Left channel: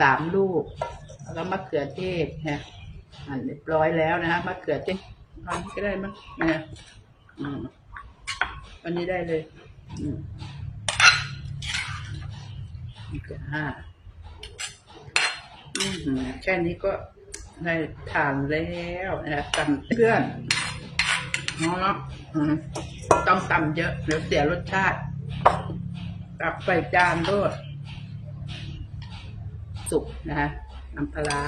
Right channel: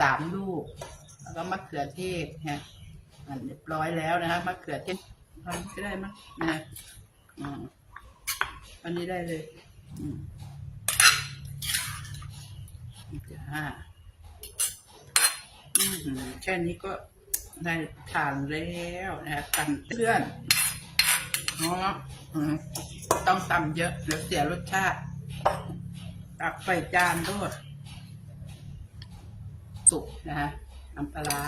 สามลูก แล้วก็มะเขือเทศฮะอันเรียบร้อยแล้วนะฮะมะเขือเทศตอนนี้ก็ได้มั้งนะอันนี้ได้เลยอืมจ้าอืแค่นี้ก็ได้ทานแล้วนะฮะกันเพื่อนเนาะต้องตำเยอะเดี๋ยวเสียรสชาติตักใส่จานด้วย สุกนะฮะน้ำปลาร้า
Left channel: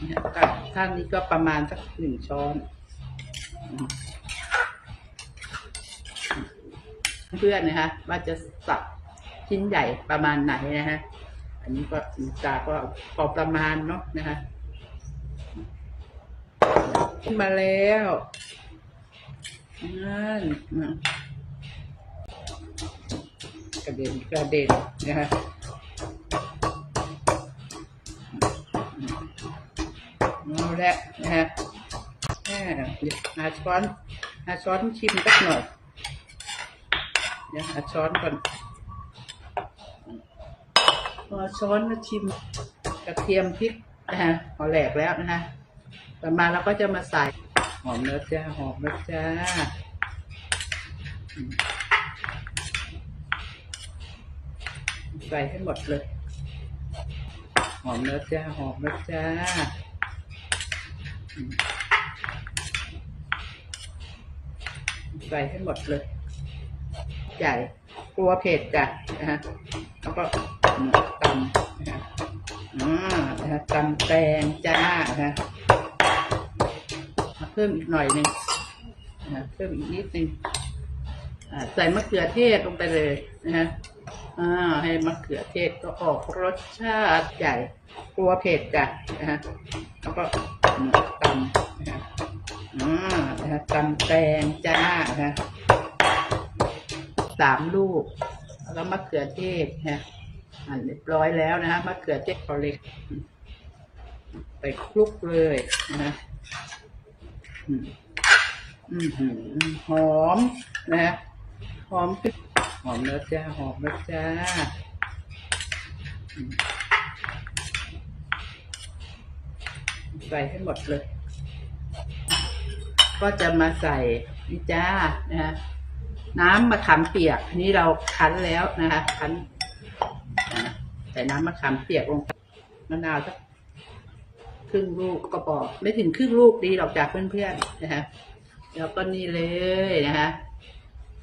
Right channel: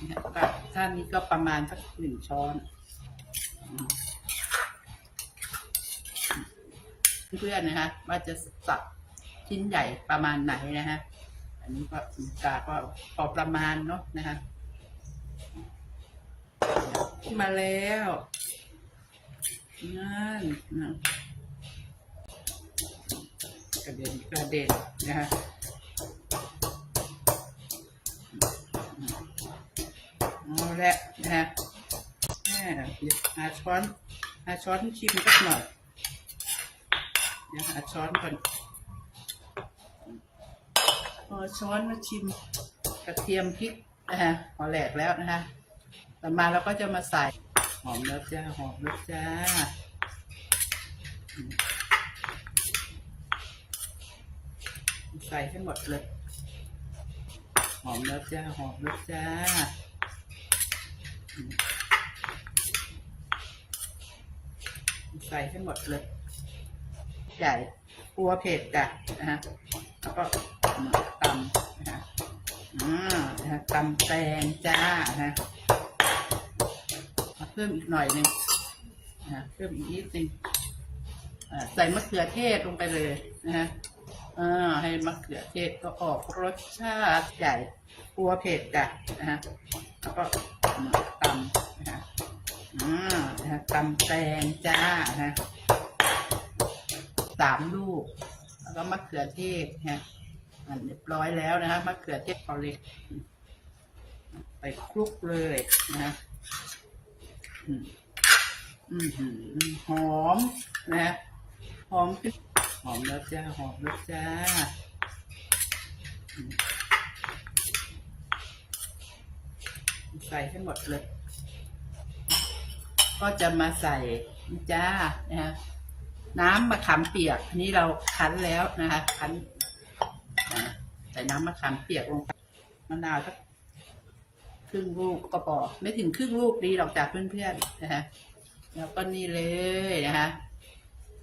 นะฮะกับท่านนี้ก็ประมาณสักหนึ่งช้อน เพื่อนนะฮะว่าจะสับชิ้นใหญ่ประมาณไหนนะฮะอันนี้ก็กาก็พอประมาณเนาะนะฮะขึ้นมาแล้วนั่นนะกระเด็นกระเด็นนะฮะ เอาละนะฮะหาช้อนหาช้อนชิมสักหน่อยเดี๋ยวหาช้อนก่อนพอช้อนมาชิมกระเทียมพริกนะฮะเอาแหลกแล้วนะฮะต่อมาเราก็จะมาใส่หอมแล้วจ้าหอมแล้วจ้าใส่ให้หมดเลย หอมแล้วจ้าหอมแล้วจ้าอืม ใส่ให้หมดเลยใหญ่กลัวเผ็ดจ้ะนะฮะแล้วก็ตำนะฮะอ่านะฮะตำแตงจ้านะฮะเพิ่มอีกหน่อยหนึ่งนะฮะเพิ่มอีกนิดหนึ่งอ่าใส่มะเขือเทศลงไปเลยนะฮะอ่าให้มะเขือเทศก็ออกรสชาติใหญ่กลัวเผ็ดจ้ะนะฮะแล้วก็ตำนะฮะอ่า นะตำแตงจ้านะสามลูก แล้วก็มะเขือเทศฮะอันเรียบร้อยแล้วนะมะเขือเทศพอเล็ก ไปคลุกเลยนะฮะอืมอืมหืมหอมนะฮะหอมหอมแล้วจ้าหอมแล้วจ้าใส่ให้หมดเลย ก็จะมาใส่นี่จ้านะฮะน้ำมะขามเปียก อันนี้เราคั้นแล้วนะคะคั้นใส่น้ำมะขามเปียกลงมะนาวสักครึ่งลูกก็พอไม่ถึงครึ่งลูกดีหรอกจากเพื่อนๆนะฮะแล้วก็นี่เลยนะฮะ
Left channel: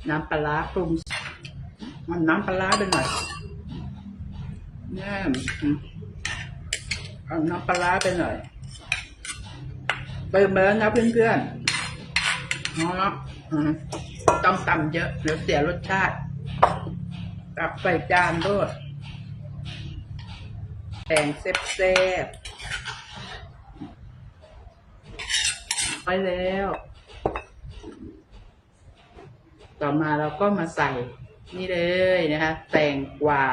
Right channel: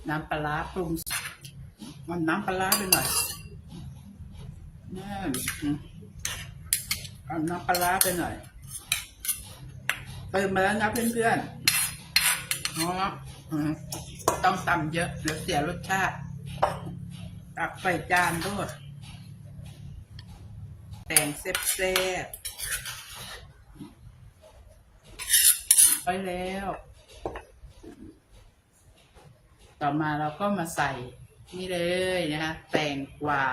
น้ำปลาปรุงมันน้ำปลาร้าไปหน่อยน้ำเอาน้ำปลาร้าไปหน่อยเติมมาแล้วนะเพื่อนๆ เนาะอืมต้องตำเยอะเดี๋ยวเสียรสชาติ ตักใส่จานด้วยแตงเซฟๆไปแล้ว ต่อมาเราก็มาใส่นี่เลยนะคะ แตงกวา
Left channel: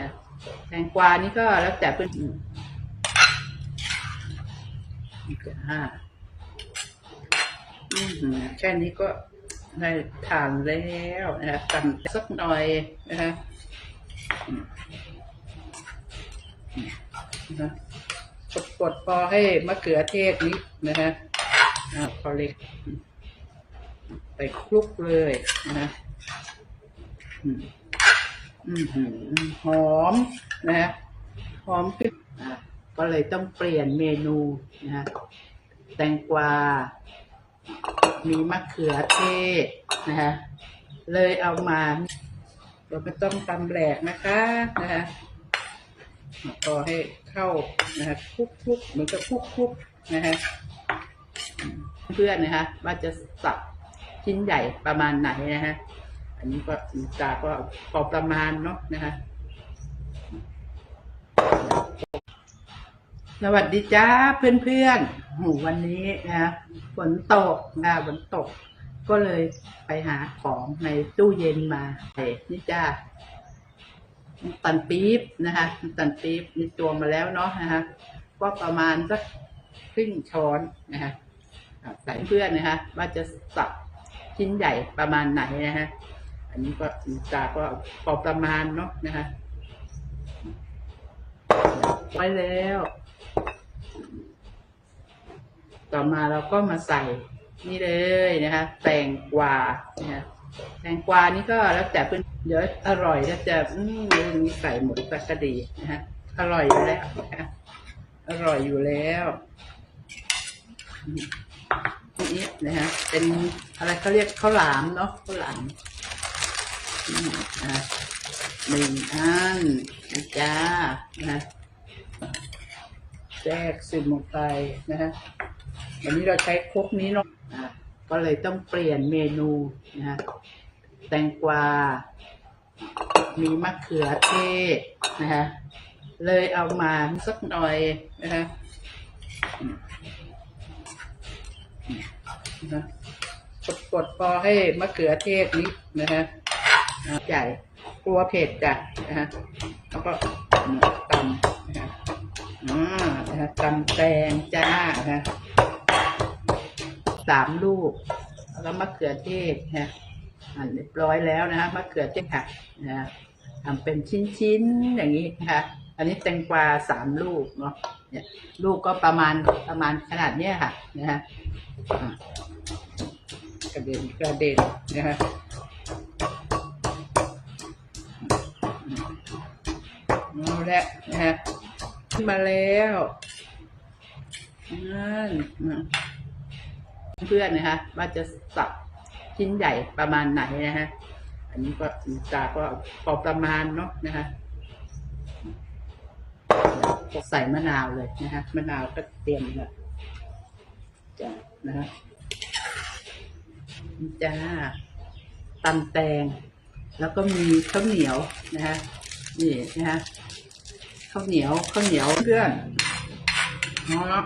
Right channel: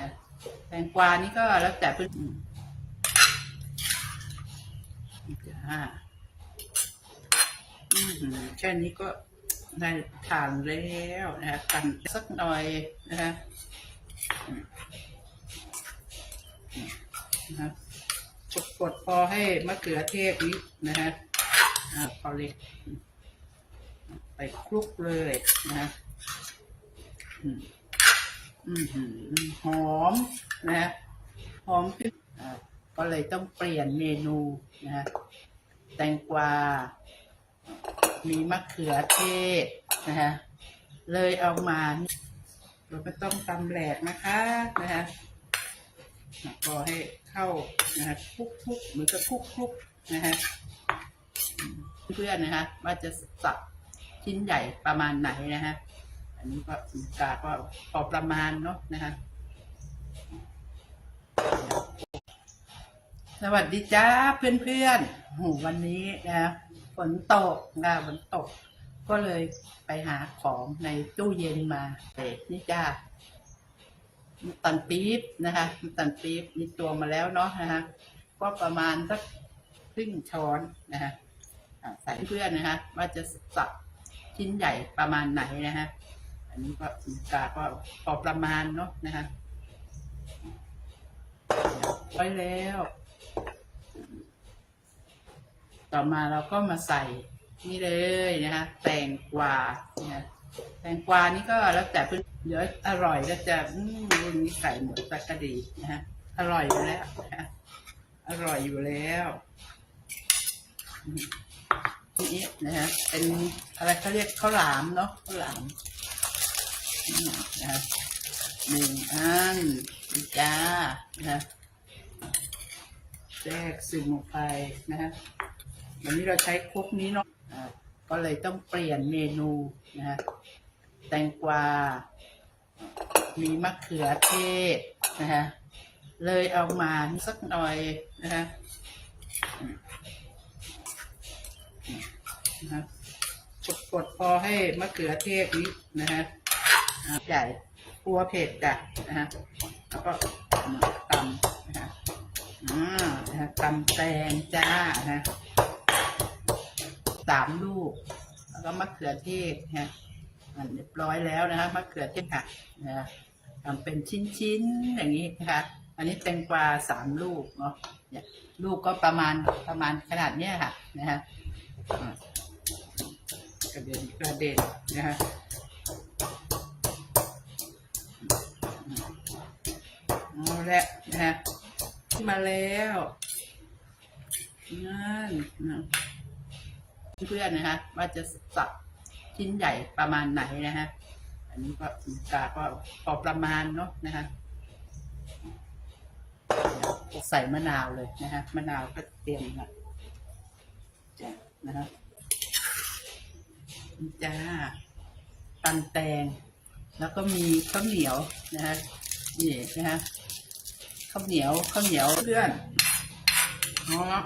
นะแตงกวานี่ก็แล้วแต่เพื่อนอืมจ้า แค่นี้ก็ได้ทานแล้วนะคะกันสักหน่อยนะคะนะกดพอให้มะเขือเทศนิดนะฮะพอเล็ก ไปคลุกเลยนะฮะหอมนะฮะหอมพริกก็เลยต้องเปลี่ยนเมนูนะฮะแตงกวา มีมะเขือเทศนะฮะเลยเอามาเราไม่ต้องตำแหลกนะคะนะฮะก็ให้เข้านะฮะคลุกคุกๆเหมือนกับคลุกคุกๆนะฮะเพื่อนนะฮะว่าจะสับชิ้นใหญ่ประมาณไหนนะฮะอันนี้ก็กาก็พอประมาณเนาะนะฮะ สวัสดีจ้าเพื่อนๆโหวันนี้นะฝนตกนะฝนตก ก็เลยไปหาของในตู้เย็นมาเอ้นี่จ้าตันปี๊บนะคะตันปี๊บมีตัวมาแล้วเนาะนะฮะก็ประมาณสักครึ่งช้อนนะฮะใส่เพื่อนนะฮะว่าจะสับชิ้นใหญ่ประมาณไหนนะฮะอันนี้ก็กาก็พอประมาณเนาะนะฮะไว้แล้ว ต่อมาเราก็มาใส่นี่เลยนะคะ แตงกวาเนี่ยแตงกวานี่ก็แล้วแต่เพื่อนเดี๋ยวอร่อยก็จะอืมมีใส่หมดก็ดีนะฮะอร่อยอยู่แล้วนะคะอร่อยอยู่แล้วนี่นะฮะเป็นอะไรเขาเรียกข้าวหลามเนาะข้าวหลามนะฮะหนึ่งอันนะจ้านะฮะแทรกซึมลงไปนะฮะ วันนี้เราใช้ครกนี้เนาะก็เลยต้องเปลี่ยนเมนูนะฮะแตงกวา มีมะเขือเทศนะฮะเลยเอามาสักหน่อยนะฮะนะกดๆพอให้มะเขือเทศนิดนะฮะใหญ่กลัวเผ็ดจ้ะนะฮะแล้วก็ตำนะฮะอ่านะฮะตำแตงจ้านะฮะ สามลูก แล้วก็มะเขือเทศนะอันเรียบร้อยแล้วนะฮะมะเขือเทศค่ะนะฮะทำเป็นชิ้นๆอย่างนี้นะคะอันนี้แตงกวาสามลูกเนาะเนี่ยลูกก็ประมาณประมาณขนาดเนี้ยค่ะนะฮะอะกระเด็นกระเด็นนะฮะเอาละนะฮะขึ้นมาแล้วนั่นนะ เพื่อนนะคะ ว่าจะสับชิ้นใหญ่ประมาณไหนนะฮะ อันนี้ก็ตาก็พอประมาณเนาะนะคะก็ใส่มะนาวเลยนะฮะมะนาวก็เตรียมละจ้ะนะฮะนี่จ้าตำแตง แล้วก็มีข้าวเหนียวนะฮะนี่นะฮะข้าวเหนียวข้าวเหนียวเพื่อนเนาะ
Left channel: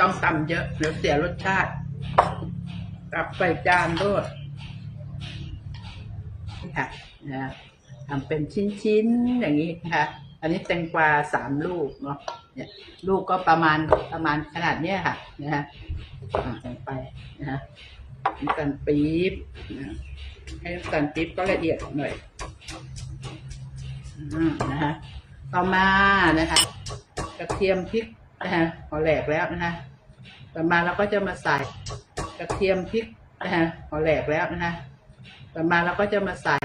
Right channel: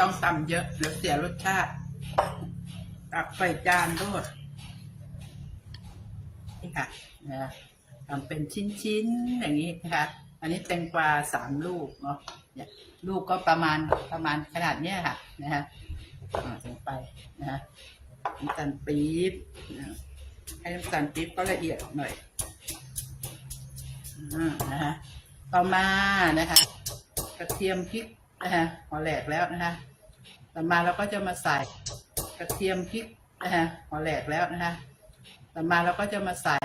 ต้องตำเยอะเดี๋ยวเสียรสชาติกลับใส่จานด้วยนี่ค่ะนะทำเป็นชิ้นๆอย่างนี้นะคะอันนี้แตงกวาสามลูกเนาะเนี่ยลูกก็ประมาณประมาณขนาดเนี้ยค่ะนะฮะอ่าใส่ไปนะฮะน้ำตาลปี๊บนะให้น้ำตาลปี๊บก็ละเอียดหน่อยนะฮะต่อมานะคะกระเทียมพริก นะฮะพอแหลกแล้วนะฮะต่อมาเราก็จะมาใส่กระเทียมพริกนะฮะพอแหลกแล้วนะฮะต่อมาเราก็จะมาใส่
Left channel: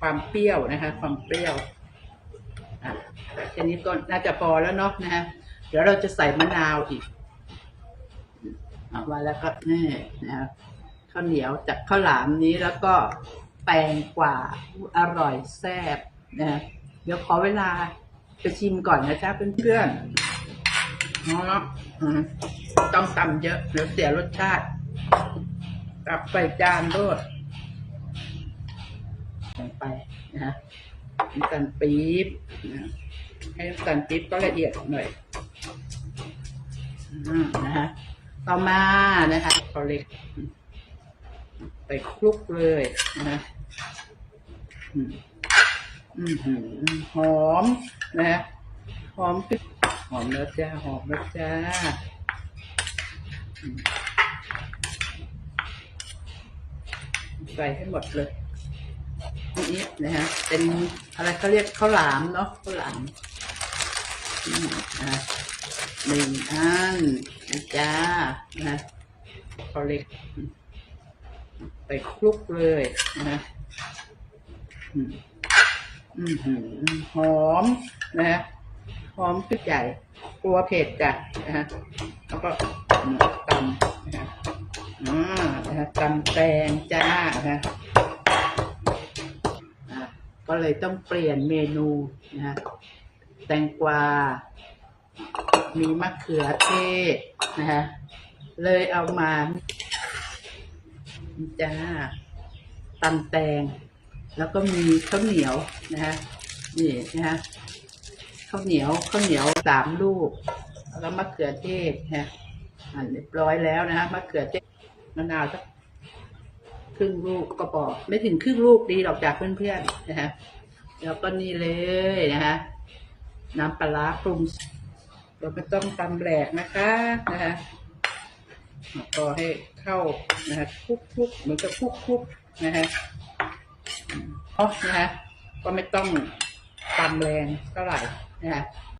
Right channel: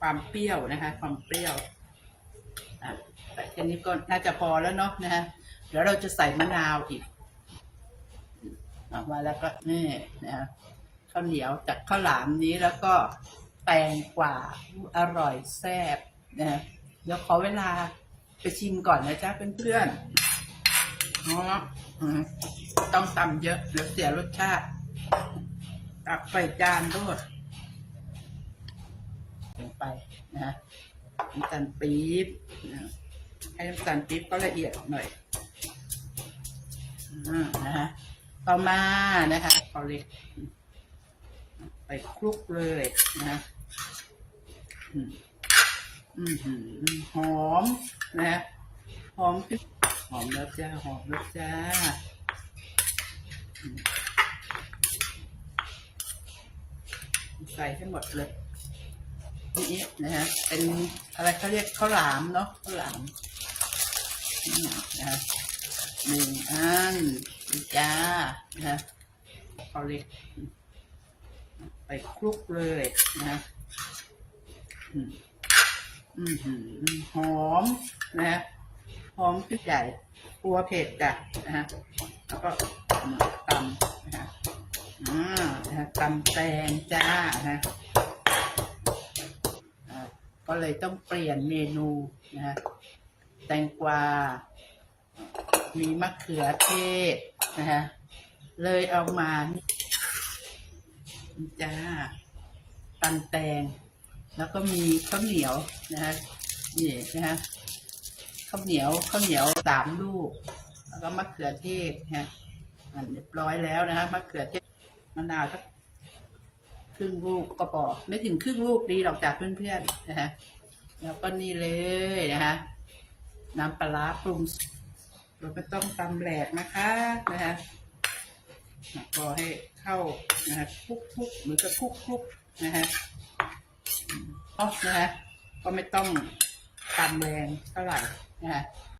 ความเปรี้ยวนะคะ ความเปรี้ยวอะแต่แค่นี้ก็น่าจะพอแล้วเนาะนะฮะเดี๋ยวเราจะใส่มะนาวอีกอะว่าแล้วก็นี่นะครับข้าวเหนียวจากข้าวหลามนี้แล้วก็แตงกว่าอร่อยแซ่บนะฮะเดี๋ยวขอเวลาไปชิมก่อนนะจ๊ะเพื่อนๆ เนาะอืมต้องตำเยอะเดี๋ยวเสียรสชาติกลับใส่จานด้วยลงไปนะฮะน้ำตาลปี๊บนะให้น้ำตาลปี๊บก็ละเอียดหน่อยอ่านะฮะต่อมานะคะเอาเล็ก ไปคลุกเลยนะฮะหอมนะฮะหอมขึ้น อมแล้วจ้า หอมแล้วจ้า ใส่ให้หมดเลยนี่นะฮะ เป็นอะไรเขาเรียกข้าวหลามเนาะข้าวหลามนะฮะหนึ่งอันนะจ้านะฮะเขาเล็ก ไปคลุกเลยนะฮะอืมหอมนะฮะหอมพริกใหญ่ กลัวเผ็ดจ้ะนะฮะแล้วก็ตำนะฮะอ่านะฮะตำแตงจ้านะฮะก็เลยต้องเปลี่ยนเมนูนะฮะแตงกวา มีมะเขือเทศนะฮะเลยเอามาจ้าตำแตง แล้วก็มีข้าวเหนียวนะฮะนี่นะฮะ ข้าวเหนียวข้าวเหนียวสามลูก แล้วก็มะเขือเทศฮะอันเรียบร้อยแล้วนะฮะมะเขือเทศมะนาวสักครึ่งลูกก็พอไม่ถึงครึ่งลูกดีหรอกจากเพื่อนๆนะฮะแล้วก็นี่เลยนะฮะน้ำปลาปรุงเราไม่ต้องตำแหลกนะคะนะฮะก็ให้เข้านะฮะคลุกเหมือนกับคลุกนะฮะอ๋อนะฮะก็ไม่ต้องตำแรงเท่าไหร่ นะฮะ